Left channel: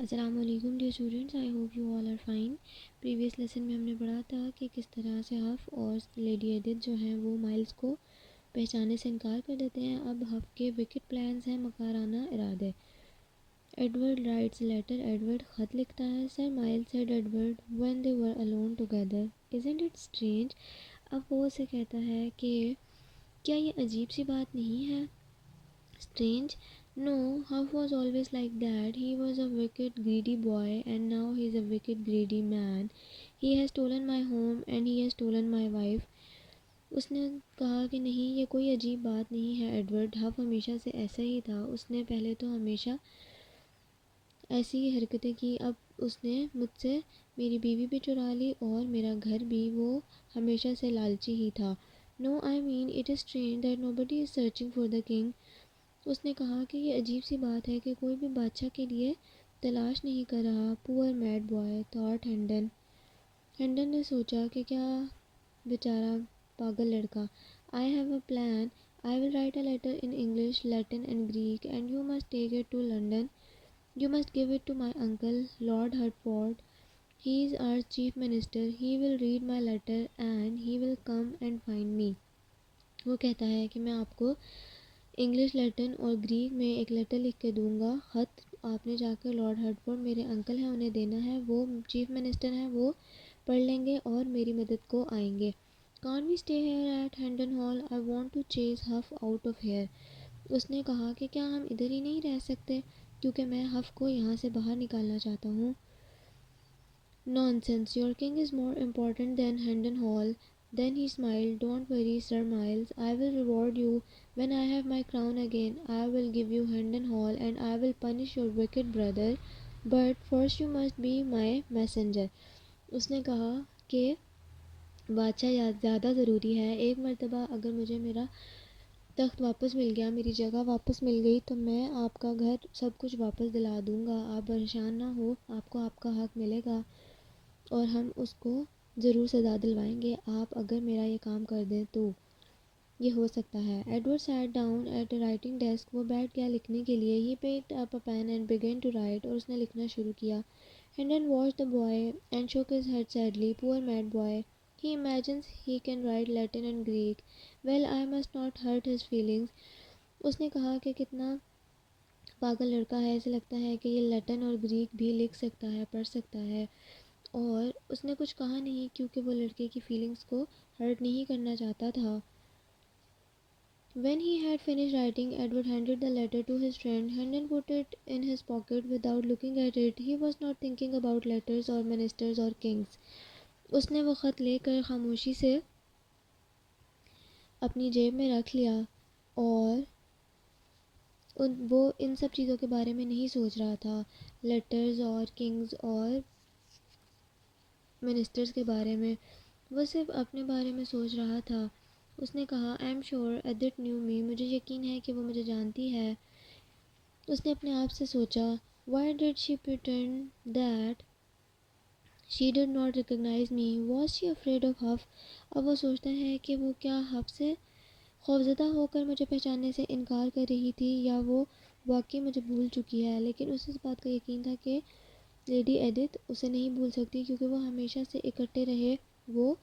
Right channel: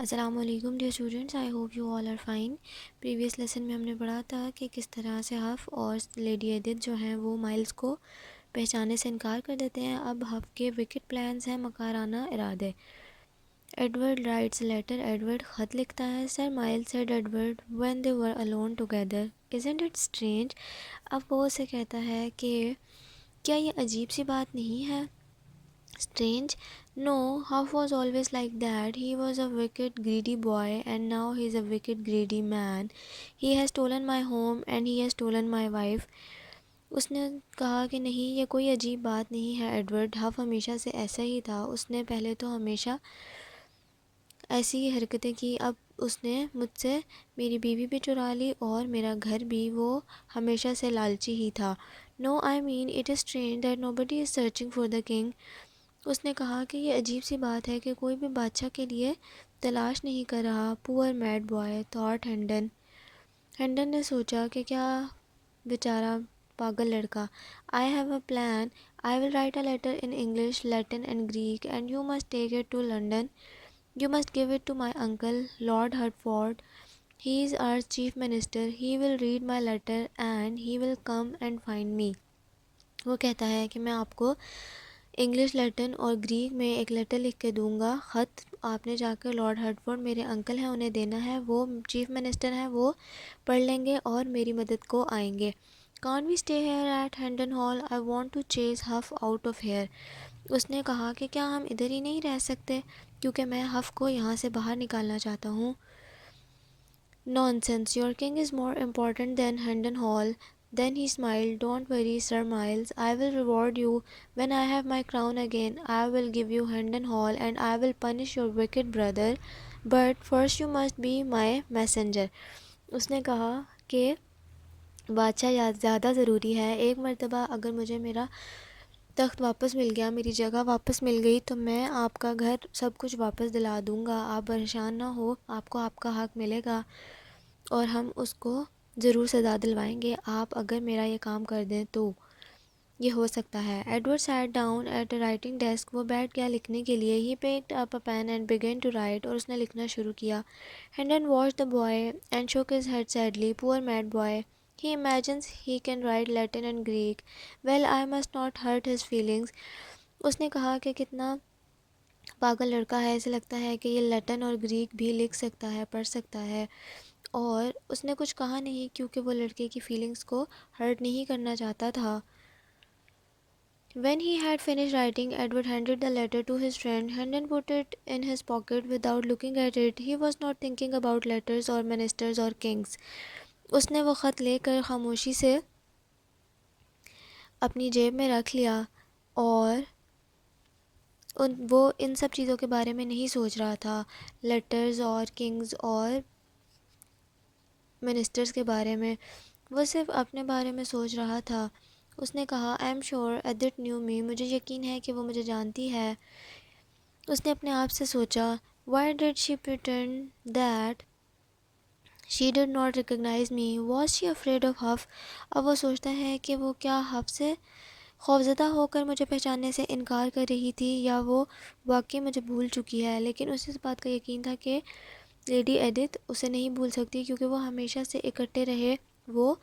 السلام علیکم dear students, I hope you all are fine. Previous lesson میں ہم نے پڑھا تھا کہ کس طرح سے ہف اور لیڈی ایڈتھ جو ہیں وہ مائلز کو پہچانے سے انکار کر دیتے ہیں۔ اب ہف کے وکٹ پلانز ہیں، مکارانہ ارادے۔ ایڈورڈ رائٹس لیٹر، ایڈورڈ خط لکھتا ہے۔ Sir Miles said Edward when they were alone together, isn't it strange. اب وہ اسے کہتا ہے کہ کیا یہ عجیب سی بات نہیں ہے؟ Strange? No, Huff was always like that. He was a wicked, greedy boy, and now he's a wicked, greedy man. He has stolen my home and he has stolen my wife. اس نے کہا کہ نہیں، یہ کوئی عجیب بات نہیں ہے ایڈورڈ، ہف ہمیشہ سے ایسا ہی تھا۔ اس نے پہلے تو ہمیشہ ایسی ہی حرکتیں کی، اب اس نے مجھ سے میری بیوی بھی چرا لی اور میرا گھر بھی۔ وہ ہمیشہ سے لالچی ہی تھا۔ No, I mean it is strange that nobody is searching for the king. اس نے کہا کہ یہ عجیب سی بات ہے کہ کوئی بھی بادشاہ کے لیے تلاش نہیں کر رہا۔ Poor mad boy thought Hendon, Hendon نے سوچا کہ کیا بیچارہ پاگل لڑکا۔ I have a plan, I will write a letter in English, Latin and Greek and you must take it to London. You must give it to my uncle, Lord Hertford. He is our chief minister. He will read my letter and he will come and find me. وہ کہتا ہے کہ میں آپ کو English, لیٹن اور Greek میں ایک لیٹر لکھ کے دوں گا۔ خط آپ نے جا کر لارڈ ہرٹفورڈ میرے انکل ہیں انہیں دینا ہے، وہ چیف منسٹر ہیں، وہ پڑھ لیں گے اور میری مدد کو آئیں گے۔ Can't we stay here at Hendon Hall? I want to chase Huff out of here. اس نے کہا کہ کیا ہم ادھر ہی نہیں رہ سکتے کیونکہ میں ہف کو یہاں سے باہر نکالنا چاہتا ہوں۔ Nonsense, your king is more important than Hendon Hall. Then he smiled. Don't worry, Sir Miles. I will reward you when I have my crown again. I will give you Hendon Hall and I will punish your wicked brother. But first you must be my messenger. اس نے کہا کہ بادشاہ زیادہ ضروری ہے۔ ایک مرتبہ اگر مجھے میرا تخت واپس مل گیا، میری جگہ واپس مل گئی، تو میں آپ کا گھر سب کچھ واپس دلا دوں گا۔ آپ پریشان نہ ہو، آپ کو آپ کا حق ملے گا اور ہم اس کو ضرور سزا دلوائیں گے، آپ اگر میرا یہ کام کر دیں تو یہ ہو سکتا ہے۔ Edward sat down at a writing desk, وہ بیٹھ گیا لکھنے کے لیے۔ He picked up a pen and began to write, اور اس نے لکھنا شروع کیا۔ Hendon watched the boy and shook his head sadly. Poor mad boy, he imagines he can write Latin and Greek. Well, I must not hurt his feelings. اس نے کہا کہ کتنا پاگل لڑکا ہے، اسے لگتا ہے کہ یہ لیٹن اور گریک بھی لکھ سکتا ہے، پڑھ سکتا ہے، اور اس نے کچھ کہا نہیں کیونکہ وہ لڑکے کی فیلنگز کو ہرٹ نہیں کرنا چاہتا تھا۔ When he had finished writing, Edward handed the letter to his friend. Hendon put it in his pocket without looking at it. He was not thinking about letters or ministers or kings. اس نے وہ خط لے کر خاموشی سے اپنی جیب میں رکھ لیا اور وہ ان سب چیزوں کے بارے میں نہیں سوچ رہا تھا، لیٹرز اور کنگز اور منسٹرز کے بارے میں، وہ صرف اپنے بارے میں سوچ رہا تھا۔ اس نے کہا I am sure Edith knew me, مجھے یقین ہے کہ وہ مجھے جانتی ہے۔ اس نے اپنے آپ سے سوچا why did she pretend that she did not recognize me. Was she afraid of Huff? اب وہ سوچتا ہے کہ وہ کیا حف سے خوفزدہ ہو کر مجھے پہچاننے سے انکار کر رہی تھی، یا وہ واقعی مجھے بھول چکی ہے۔ لیکن اسے اس بات کا یقین تھا کہ لیڈی ایڈتھ اسے نہیں بھول سکتی کیونکہ وہ ہمیشہ سے اکٹھے رہے، وہ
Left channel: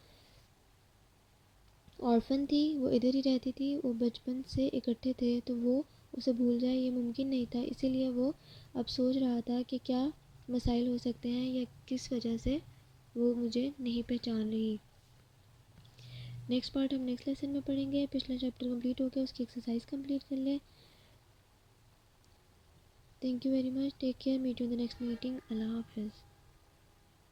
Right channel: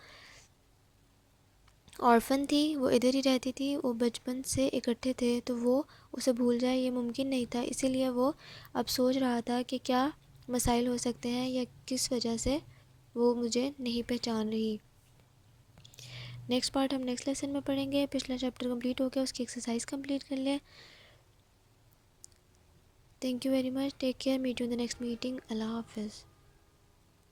آرفن تھی، وہ ادھر ہی رہتی تھی، وہ بچپن سے اکٹھے تھے، تو وہ اسے بھول جائے یہ ممکن نہیں تھا۔ اسی لیے وہ اب سوچ رہا تھا کہ کیا مسائل ہو سکتے ہیں یا کس وجہ سے وہ مجھے نہیں پہچان رہی۔ نیکسٹ پارٹ ہم نیکسٹ لیسن میں پڑھیں گے۔ پچھلا چیپٹر کمپلیٹ ہو گیا، اس کی ایکسرسائز کمپلیٹ کر لیں۔ Thank you very much, take care, meet you in the next meeting, اللہ حافظ۔